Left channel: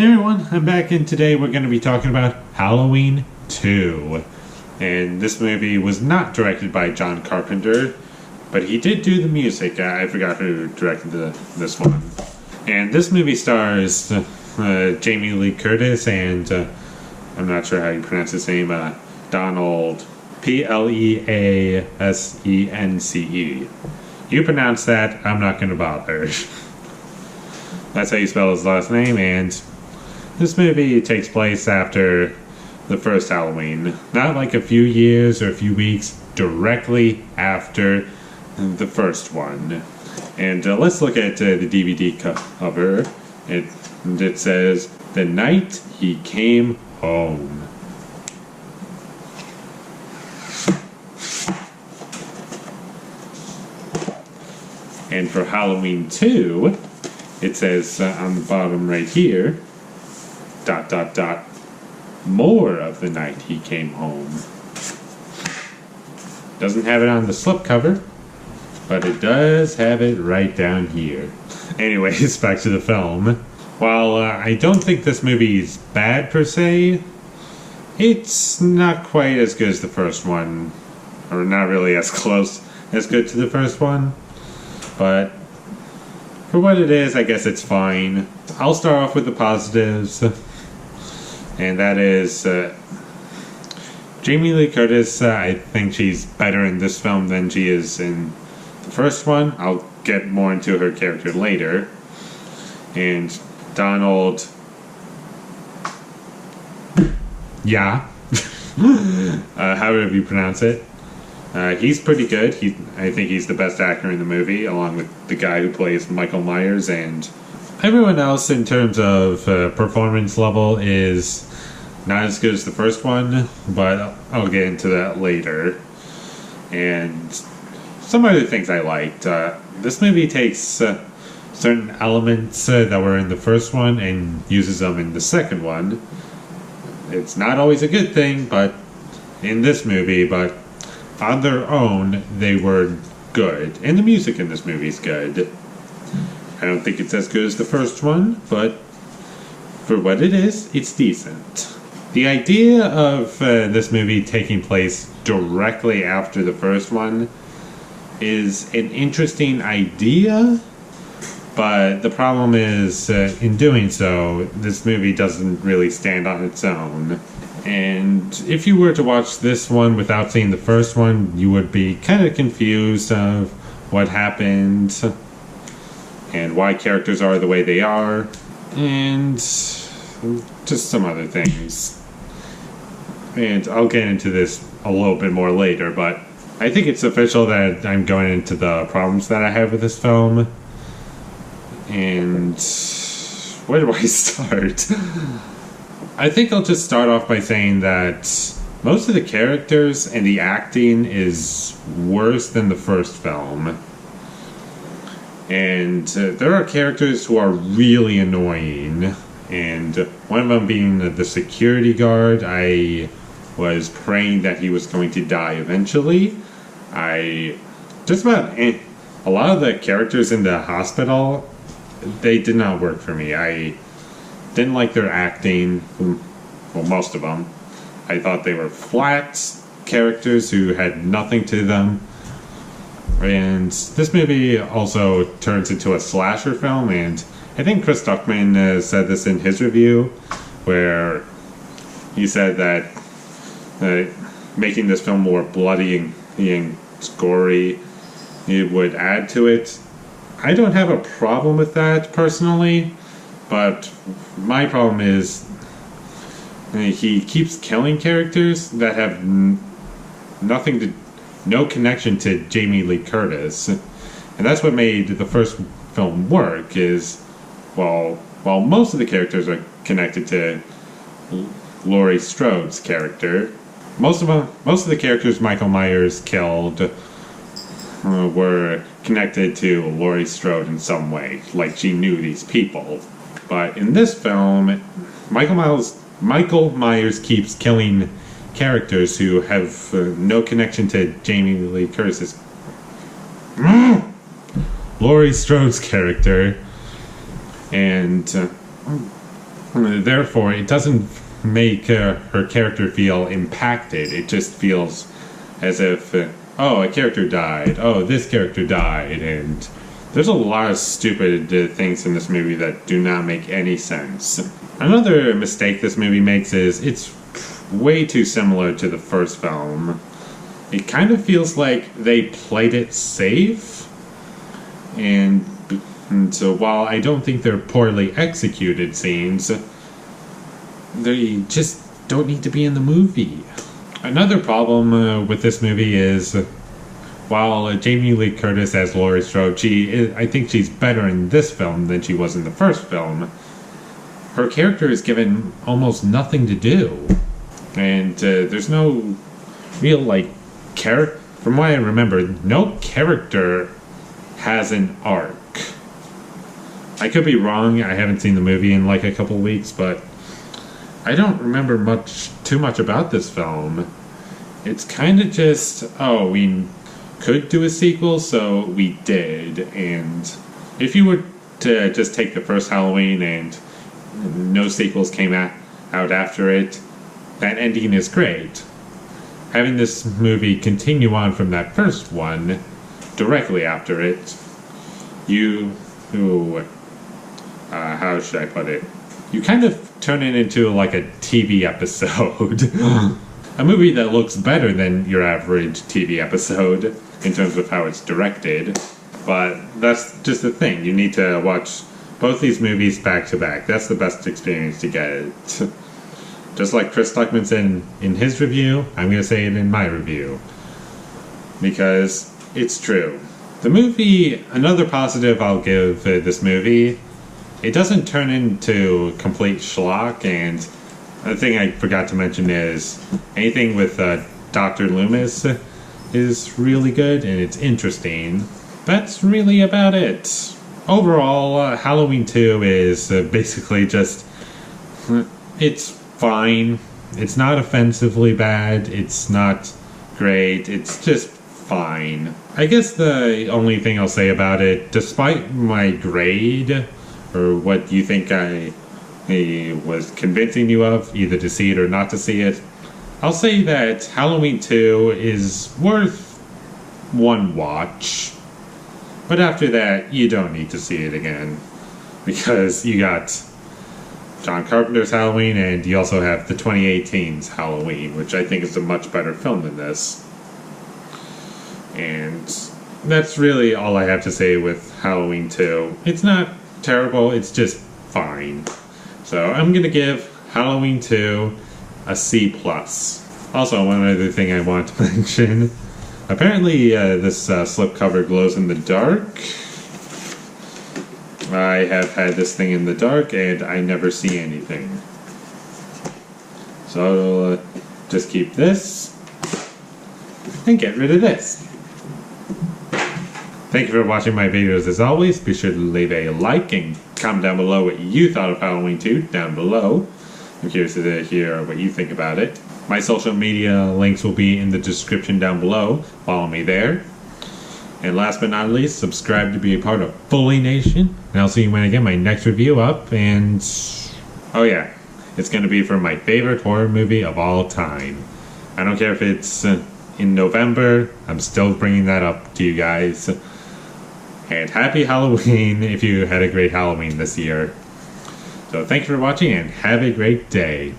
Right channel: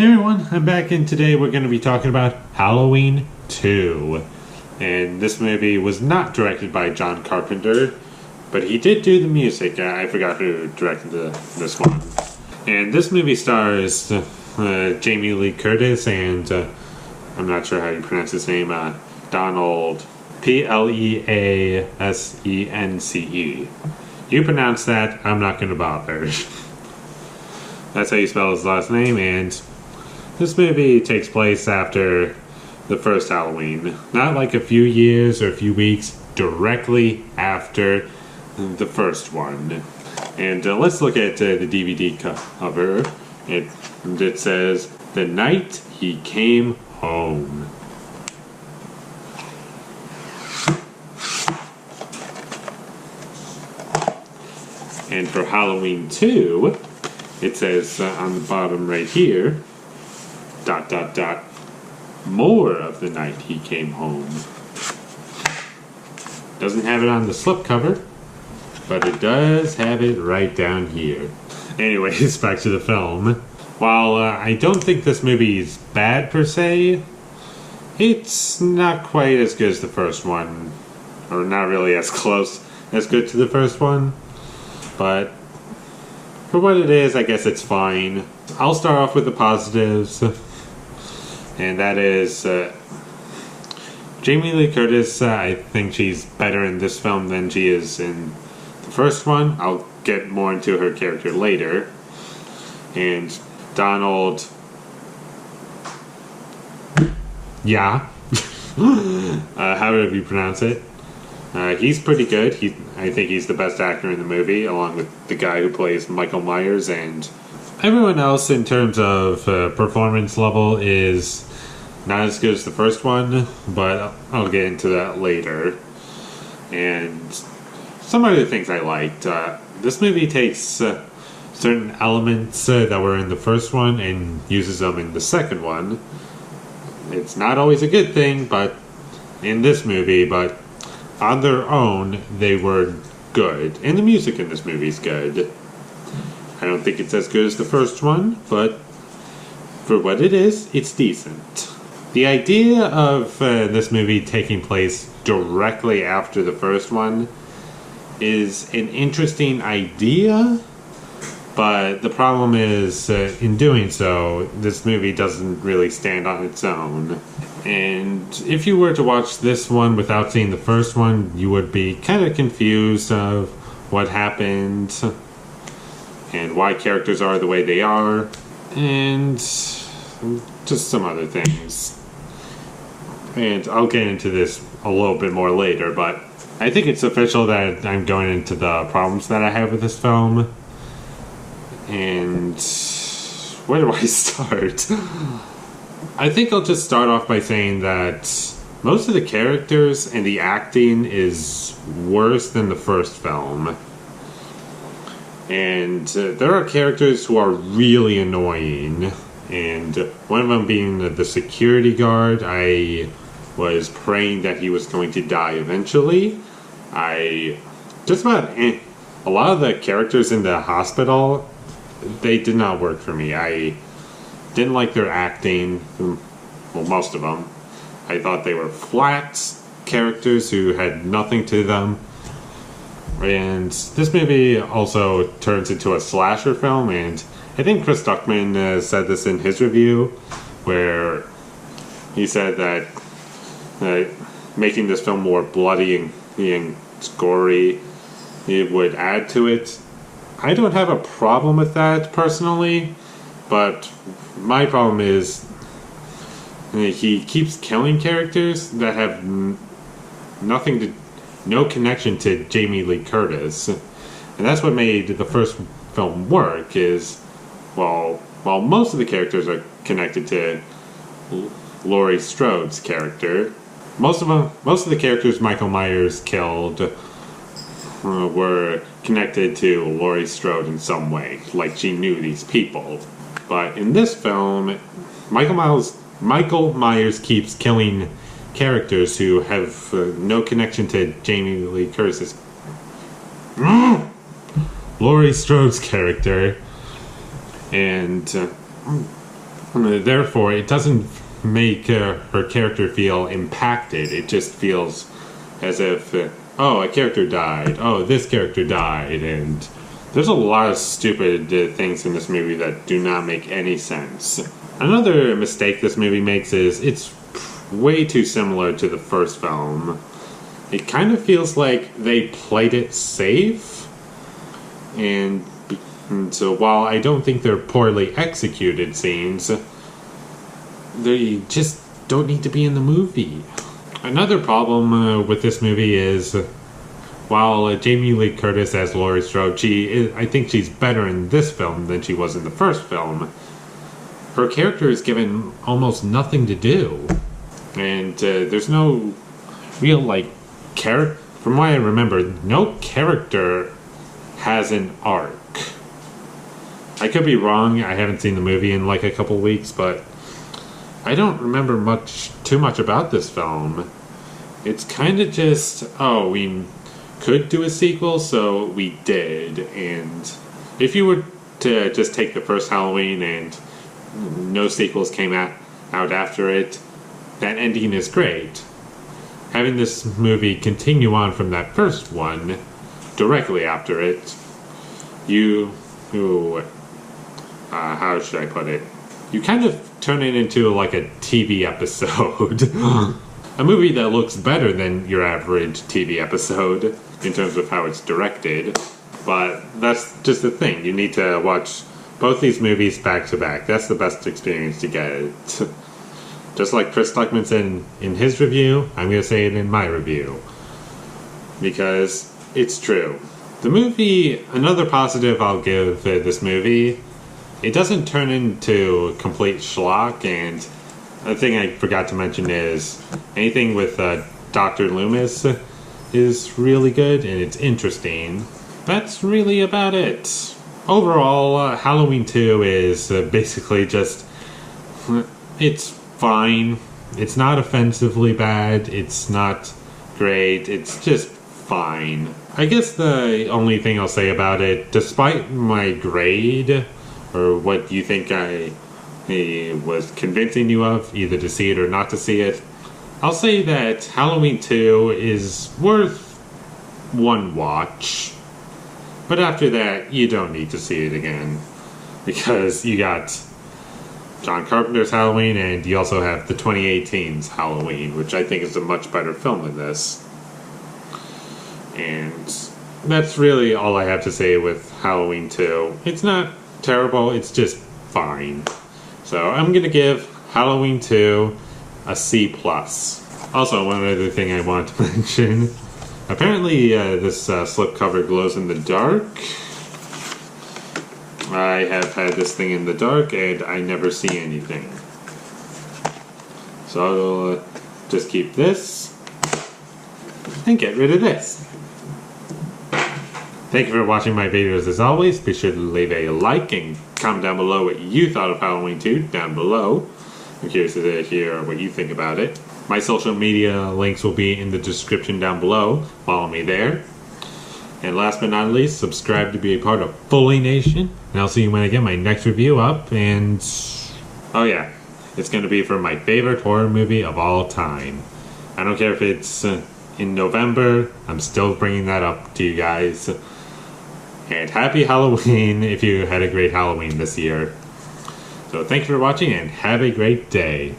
Hey everyone, I'm back, and today we're going to be talking about Halloween 2. And this movie was not directed by John Carpenter, but he did do the music. I forgot who directed this one. And this movie stars Jamie Lee Curtis and, I'm not sure how you pronounce his name, Donald, Pleasence. You pronounce that, I'm not going to bother. That's how you spell his last name, and this movie takes place after the first Halloween. Not like a few years or a few weeks, directly after the first one. And let's look at the DVD cover. It says, "The Night He Came Home." And for Halloween 2, it says on the bottom right here, ... more of the night he came home. Doesn't have it on the slipcover, but it does have it right down here. Anyways, back to the film. While I don't think this movie is bad per se, it's not quite as good as the first one, or not really as close as good to the first one, but for what it is, I guess it's fine. I'll start off with the positives. And that is Jamie Lee Curtis. I think she's better in this film than she is in the first one. I'll get more into her character later. And Donald... Yeah. However you pronounce it. He's pretty good. I think he's the best actor in the movie, along with the guy who plays Michael Myers, and everyone else in terms of performance level is not as good as the first one, but I'll get into that later. And some other things I liked. This movie takes certain elements that were in the first one and uses them in the second one. It's not always a good thing, but in this movie, but on their own, they were good. And the music in this movie is good. I don't think it's as good as the first one, but for what it is, it's decent. The idea of this movie taking place directly after the first one is an interesting idea, but the problem is, in doing so, this movie doesn't really stand on its own. And if you were to watch this one without seeing the first one, you would be kind of confused of what happened and why characters are the way they are, and just some other things. And I'll get into this a little bit more later, but I think it's official that I'm going into the problems that I have with this film. And where do I start? I think I'll just start off by saying that most of the characters and the acting is worse than the first film. And there are characters who are really annoying. And one of them being the security guard. I was praying that he was going to die eventually. Just about a lot of the characters in the hospital, they did not work for me. I didn't like their acting. Well, most of them. I thought they were flat characters who had nothing to them. And this movie also turns into a slasher film, and I think Chris Duckman said this in his review, where he said that making this film more bloody and gory, it would add to it. I don't have a problem with that, personally, but my problem is he keeps killing characters that have no connection to Jamie Lee Curtis. And that's what made the first film work, is, while most of the characters are connected to Laurie Strode's character, most of the characters Michael Myers killed were connected to Laurie Strode in some way, like she knew these people. But in this film, Michael Myers keeps killing characters who have no connection to Jamie Lee Curtis's Laurie Strode's character, and Therefore, it doesn't make her character feel impacted. It just feels as if, oh, a character died. Oh, this character died. And there's a lot of stupid things in this movie that do not make any sense. Another mistake this movie makes is it's way too similar to the first film. It kind of feels like they played it safe. And so while I don't think they're poorly executed scenes, they just don't need to be in the movie. Another problem with this movie is, while Jamie Lee Curtis as Laurie Strode, I think she's better in this film than she was in the first film. Her character is given almost nothing to do. And there's no real, from what I remember, no character has an arc. I could be wrong, I haven't seen the movie in a couple weeks, but I don't remember too much about this film. It's kind of just, oh, we could do a sequel, so we did. And if you were to just take the first Halloween and no sequels came out after it, that ending is great. Having this movie continue on from that first one, directly after it, how should I put it? You kind of turn it into a TV episode. A movie that looks better than your average TV episode in terms of how it's directed. But that's just the thing. You need to watch both these movies back to back. That's the best experience to get. Just like Chris Stuckman said in his review, I'm going to say it in my review. Because it's true. The movie, another positive I'll give this movie, it doesn't turn into complete schlock, and the thing I forgot to mention is anything with Dr. Loomis is really good and it's interesting. That's really about it. Overall, Halloween 2 is basically just, it's fine. It's not offensively bad. It's not great. It's just fine. I guess the only thing I'll say about it, despite my grade, or what you think I was convincing you of, either to see it or not to see it, I'll say that Halloween 2 is worth one watch. But after that, you don't need to see it again. Because you got John Carpenter's Halloween, and you also have the 2018's Halloween, which I think is a much better film than this. And that's really all I have to say with Halloween 2. It's not terrible, it's just fine. So I'm going to give Halloween 2 a C+. Also, one other thing I want to mention. Apparently this slipcover glows in the dark. I have had this thing in the dark and I never see anything. So I'll just keep this and get rid of this. Thank you for watching my videos as always. Be sure to leave a like and comment down below what you thought of Halloween 2 down below. I'm curious to hear what you think about it. My social media links will be in the description down below. Follow me there. And last but not least, subscribe to be a part of Foley Nation. And I'll see you when I get my next review up. And, oh yeah, it's going to be for my favorite horror movie of all time. I don't care if it's in November. I'm still bringing that up to you guys. And happy Halloween if you had a great Halloween this year. So thank you for watching and have a great day.